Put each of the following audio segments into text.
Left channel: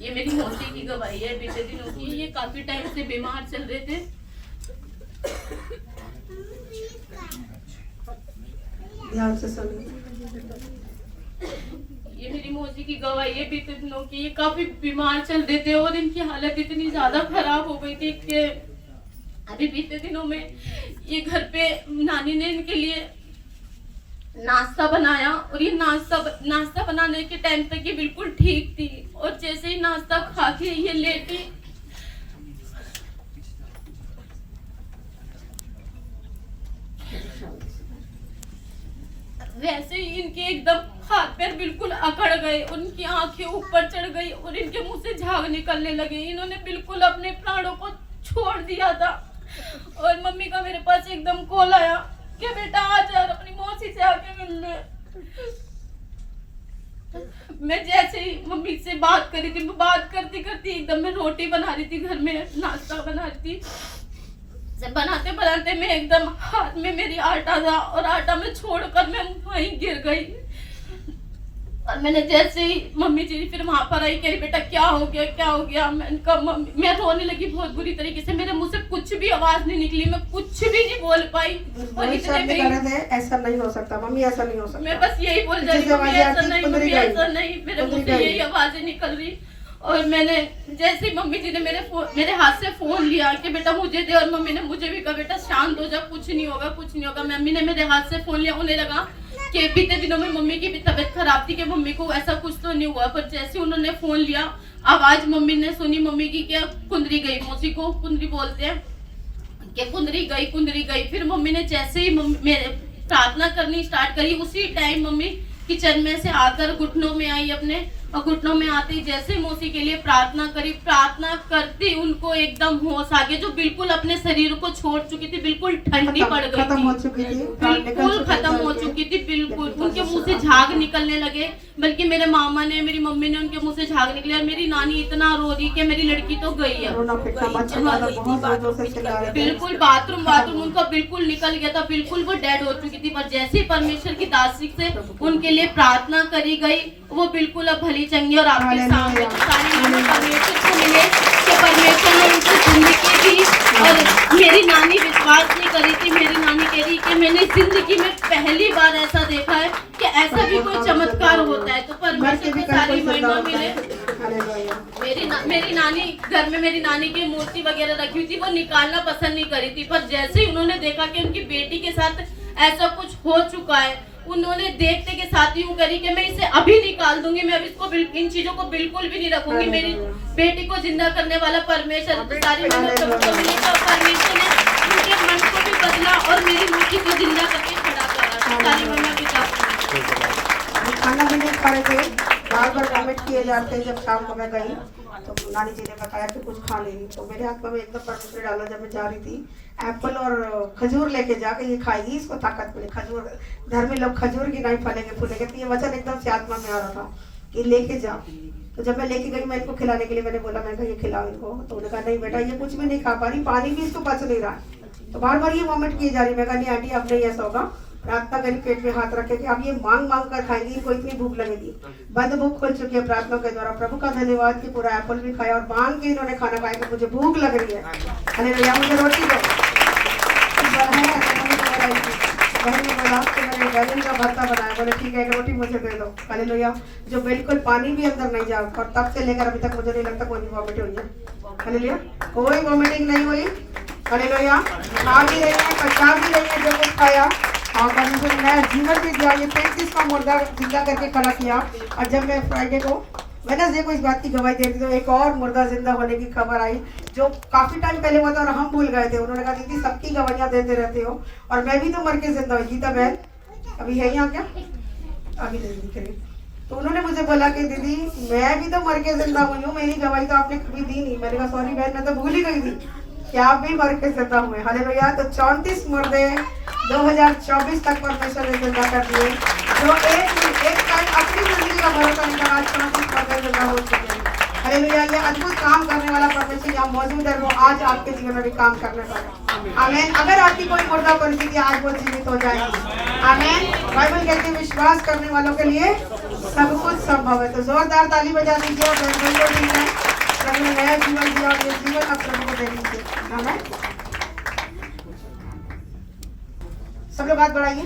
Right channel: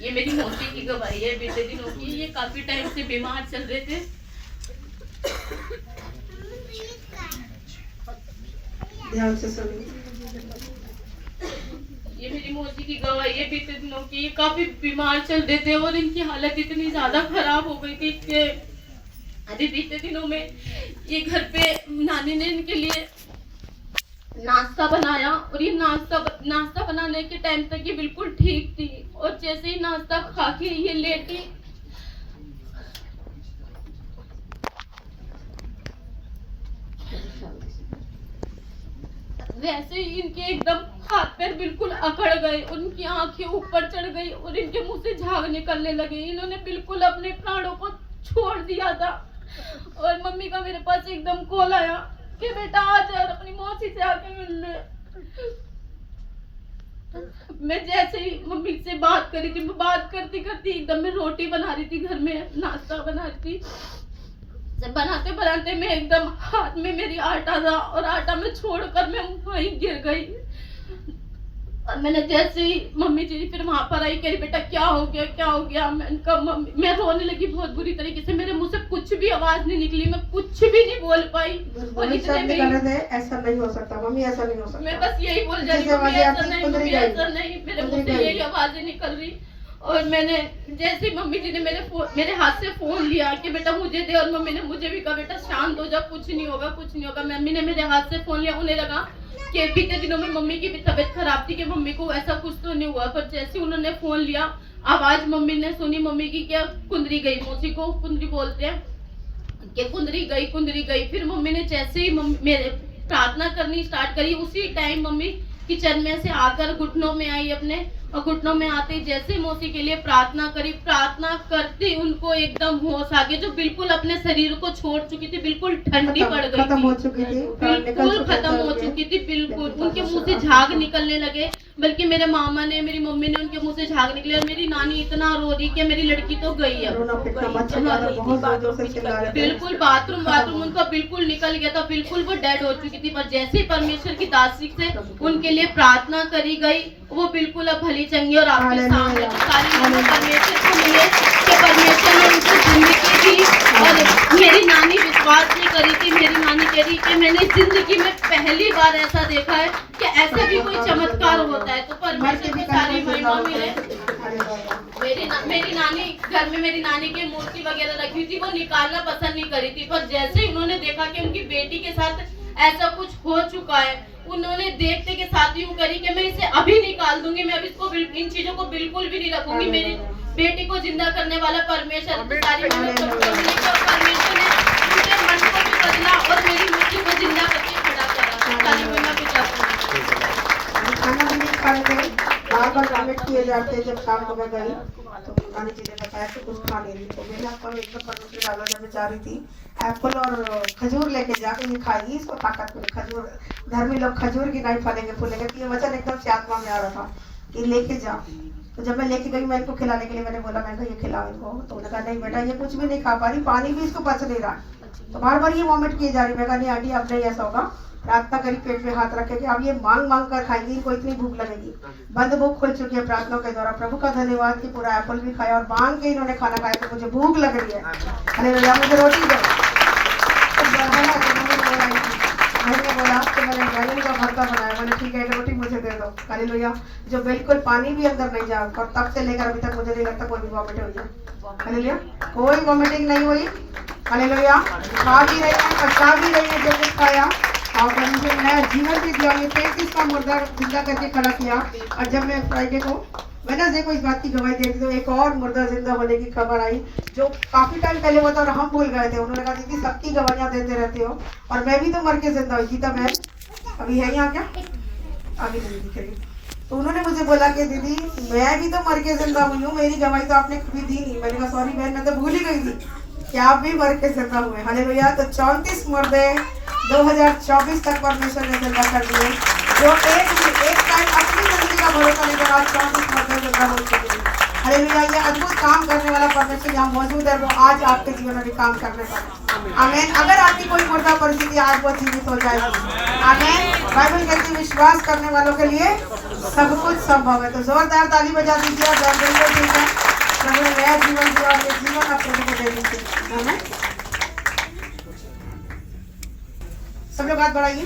ये मेरी मौसी की गवाही है बीते दिनों की। ये काफी टाइम से बीमार चल रहे थे। ध्यान से सुनिए। ये मेरी मौसी की गवाही है बीते दिनों की। ये काफी बीमार चल रहे थे और इनकी हालत इतनी ज्यादा खराब हो गई थी कि अभी बीते दिनों में ये घर पे नानी ने इनके लिए नाश्ता बनाया और ये नाश्ता बनाने के टाइम तक ये बिल्कुल ठीक थी और जैसे ही नाश्ता खा के ये लेटी, वैसे ही इनके एकदम हाथ पैर बिल्कुल अकड़ गए, उनकी आंखें ऊपर चढ़ गई और इनके मुंह से झाग निकलने लगे। इन्होंने बिल्कुल अपने प्राणों को छोड़ दिया था। और मम्मी का मेरे पास एकदम कॉल आया कि बेटा आ जा अपनी मौसी से आके मिल ले। मैं जैसे ही मम्मी से बात करी थी, मैं बात करती करती एकदम मैं रोटी बना रही थी, घर में नाश्ता बना रही थी। बनाते बनाते मैं एकदम हाथ में मेरी आटा था और आटा में छोड़कर मैं वहीं गिर गई। और मैंने जैसे ही मम्मी जी फिर वहां पर आई, कह बेटा क्या हो गया। मैं रोने लगी बहुत बुरी तरीके से। मेरे मुंह से कुछ भी आवाज नहीं निकली, मैं कुछ भी नहीं बोल पाई। और इतने में ऐसा नहीं हो सकता मम्मी, ऐसा नहीं हो सकता। मैं बस यही बोल रही हूँ, ऐसा नहीं, मेरे मुंह से यही आवाजें निकल रही। और मैंने जैसे ही मम्मी जी ने मेरे हाथ से फोन लिया कि बेटा मुझे दे, और मम्मी ने मुझे भी कहा बेटा शांत हो जा, कुछ नहीं होगा। मम्मी ने मेरे हाथ से फोन लिया। उन्हें लगा कि बीते दिनों में मम्मी की भी तबीयत खराब थी कि मम्मी को ऐसा कुछ तो नहीं हुआ। पर जैसे उन्होंने फोन लिया, आवाज मम्मी ने सुनी मम्मी की, क्या कुंदरी गई, मौसी को कुंदरी बोलते हैं, कि कुंदरी गई। फिर मम्मी ने जैसे ही मेरे प्रार्थना करनी स्टार्ट करी, उसी टाइम मम्मी किचन में से आकर घुटनों में आई अपने, और घुटनों में आते ही जैसे ही मौसी के लिए प्रार्थना करी, प्रार्थना करते उनको एकदम होश आ गया। जो बिल्कुल अपने शरीर को छोड़ चुकी थी, बिल्कुल ठंडी पड़ गई, खत्म हो चुकी थी, बिल्कुल खत्म हो चुकी थी, बिल्कुल उनके मुंह से झाग निकलने लगे। बल्कि मेरे मामा ने, मेरी मम्मी ने उनके मुंह से झाग निकले और मेरी नानी इतना रो रही कि मेरी लड़की तो गई है। बिल्कुल बाथरूम उनका बिल्कुल निकल गया था, बिल्कुल वो डेड हो चुकी थी। पर जैसे ही परमेश्वर की दासी से उनके लिए प्रार्थना करी गई, वो बिल्कुल अब भली चंगी। और आपके सामने परमेश्वर को मिले कि परमेश्वर ने उनकी जिंदगी दी। और मेरी नानी विश्वास नहीं करी थी, मेरी नानी कह रही कि मैंने जिंदगी में पहली बार ऐसा देखा है कि ऐसा भी कोई चमत्कार होता है। तो परमेश्वर को सारी महिमा मिले। मेरी नानी घर में, मेरी नानी की मूर्ति वगैरह रखी हुई थी, वो निकालना पसंद नहीं करी थी। पर जैसे ही उन्होंने देखा कि उनकी बेटी के साथ ऐसा कुछ हो चुका है, उन्होंने देखते के साथ यूं करी कि मैं इसे अभी निकाल दूंगी, मैं अब इसको इन चीजों को बिल्कुल भी नहीं रखूंगी। मेरी बेटी को जिंदा करने वाला परमेश्वर, सारी परमेश्वर ने उनके मन को भी बदला और मेरी बेटी को जिंदा करके खड़ा करा। सारी महिमा पिता। खाना भी नहीं खा रहे थे, बार कमेंट किए जाते हैं। जब शाम को मैं गई तो नानी जी ने बताया कि कुछ खा ले रही, तो मेरे हाथ में एकदम परमेश्वर डाला। जब मैं जा रही थी, एप्पल और खजूर लेके जाके ये खाएगी, इसको ताकत मिले। खजूर घर में लोग खजूर की नहीं फलेंगे फूलेंगे, तो ये वचन एकदम से आत्मा में आ रहा था, ये लेके जाओ। तो जब मैं लेके गई, मैं इनको खिलाने के लिए मैंने बोला, मैं ये खिलाओ इनको। तो उन्होंने कहा नहीं बेटा ये कुछ भी नहीं खा पा रही, पानी भी इसको पच नहीं रहा। तो बार बार ये वॉमिट किए जा रही। मैं कहा नहीं आंटी अब नहीं ऐसा होगा, प्रार्थना करी, पेट में हाथ रखे कि अब ये मांग कर खाएंगी, इनको इतनी भूख लगेगी। बंद भूख खुल चुकी है प्रार्थना के द्वारा। प्रभु का धन्यवाद कि पूरा एप्पल भी खाया और मांग के इन्होंने खाना खाया कि मुझे भूख लग रही है। हालेलुया। मुझे रोटी दो। मैंने बोला कि मैंने बैगन का भरता बनाया, मैंने ठीक है रोटी मुझे दे दो। हालेलुया। जो बिल्कुल पानी भी अंदर नहीं जा, और तब से लेकर अभी तक मुझे नहीं लगता कोई वॉमिट हुई है। हालेलुया। कोई वॉमिटिंग नहीं हुई। हालेलुया। खा भी रही है, पचा भी रही है जो कुछ खाया, और परमेश्वर ने जीवन भी दिया। ये 33 का मुर्दा जिंदा करके खड़ा किया। और जब मैं फ्राइडे को वेडनेसडे को इस बात की गवाही दे रही थी, तो एक और मुर्दा जिंदा होने की खबर आई जो काफी टाइम पहले हुआ था और हम भूल गए थे। उन्होंने कहा दीदी सबकी गवाहियां देते रहते हो, और मैं भी तो मर के जिंदा हुई। गीता बहन अभी है यहाँ क्या? अभी नहीं दिख रही। तो उन्होंने मुझे बोला कि दीदी मैं भी तो मर के जिंदा हुई हूँ, मेरी गवाही तो आपने कभी दी नहीं। मैंने कहा सॉरी बहन, मैं तो भूल ही गई थी कि आप भी मर के जिंदा हुए। हालेलुया। तो 34 मुर्दे 2024 तक परमेश्वर ने जिंदा कर दिए, जो एक टाइम अपनी जिंदगी का भरोसा लेकर आज 34 मुर्दे जिंदा हो चुके हैं। हालेलुया। ये अद्भुत काम करने वाला परमेश्वर यहाँ मौजूद है, वो आज आपके जीवन में भी काम करने वाला है। आमीन। अगर आपकी कोई मुर्दा परिस्थिति आज वो जीवित हो जाएगी। आमीन। बाइबल कहती है विश्वास करने वालों के लिए सब कुछ संभव है। तो जोरदार ताली बजा दीजिए और बाइबल को ठीक है प्रभु ने नया जीवन दिया, अपने जीवन आप प्रभु को दे दीजिए। आमीन। सब लोग हाथ बढ़ाइए।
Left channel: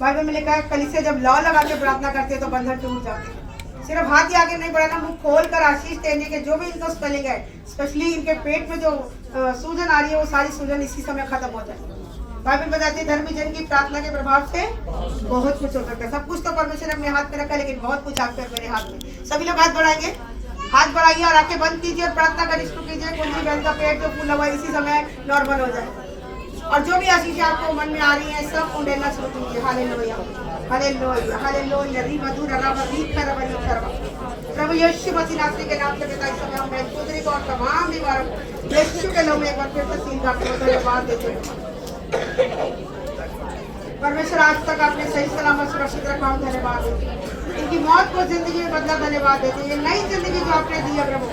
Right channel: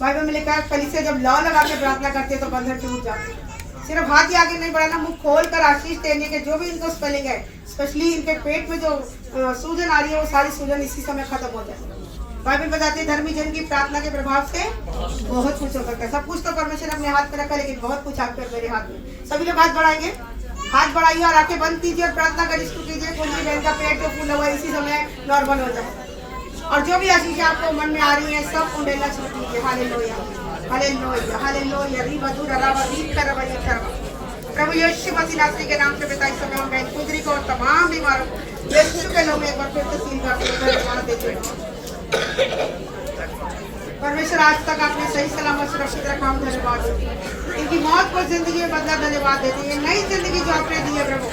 बाइबल में लिखा है कलीसिया जब लॉ लगा के प्रार्थना करते हैं तो बंधन टूट जाते हैं। सिर्फ हाथ ही आगे नहीं बढ़ाना, मुंह खोल कर आशीष देने के जो भी इनको स्पेलिंग है, स्पेशली इनके पेट में जो सूजन आ रही है वो सारी सूजन इसी समय खत्म हो जाए। बाइबल बताती है धर्मी जन की प्रार्थना के प्रभाव से बहुत कुछ हो सकता है। सब कुछ तो परमेश्वर ने अपने हाथ में रखा है, लेकिन बहुत कुछ आपके मेरे हाथ में। सभी लोग हाथ बढ़ाएंगे, हाथ बढ़ाइए और आंखें बंद कीजिए और प्रार्थना कर इसको कीजिए कुंडली बहन का पेट जो फूला हुआ इसी समय नॉर्मल हो जाए। और जो भी आशीष आपको मन में आ रही है सब उंडेलना शुरू कीजिए। Hallelujah hallelujah hallelujah. री मधुर रवा री करवा री करवा। प्रभु यीशु मसीह नासरी के नाम से पिता इस समय हम बहन पुत्री को और तमाम बीमारों यीशु के नाम में एक बार फिर से सील करके धन्यवाद देते हैं। परमेश्वर आज तक आपने सही सलामत सुरक्षित रखा हूँ, धन्यवाद देते। इनकी मौत को जिंदगी में बदला, धन्यवाद देते हैं। नई जिंदगी जो आपने दी है प्रभु,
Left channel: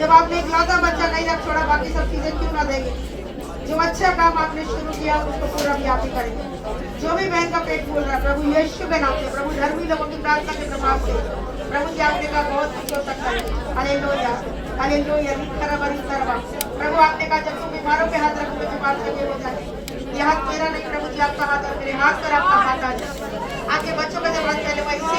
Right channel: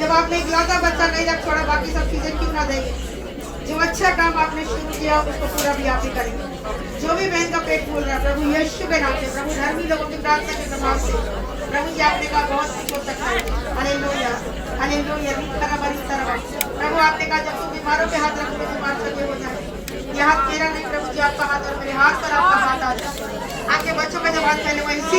जब आपने इकलौता बच्चा नहीं रख छोड़ा, बाकी सब चीजें क्यों ना देंगे। जो अच्छा काम आपने शुरू किया उसको पूरा भी आप ही करेंगे। जो भी बहन का पेट फूल रहा है प्रभु यीशु के नाम से, प्रभु धर्मी लोगों की प्रार्थना के प्रभाव से प्रभु जी आपने कहा बहुत कुछ हो सकता है। Hallelujah hallelujah. प्रभु आपने कहा जब तुम बीमारों के हाथ रखोगे बीमार चंगे हो जाए। यह हाथ मेरा नहीं प्रभु जी आपका हाथ है, मेरे हाथ पर आपका हाथ आ जाए। आपके बच्चों का जब हाथ पहले हुआ इसी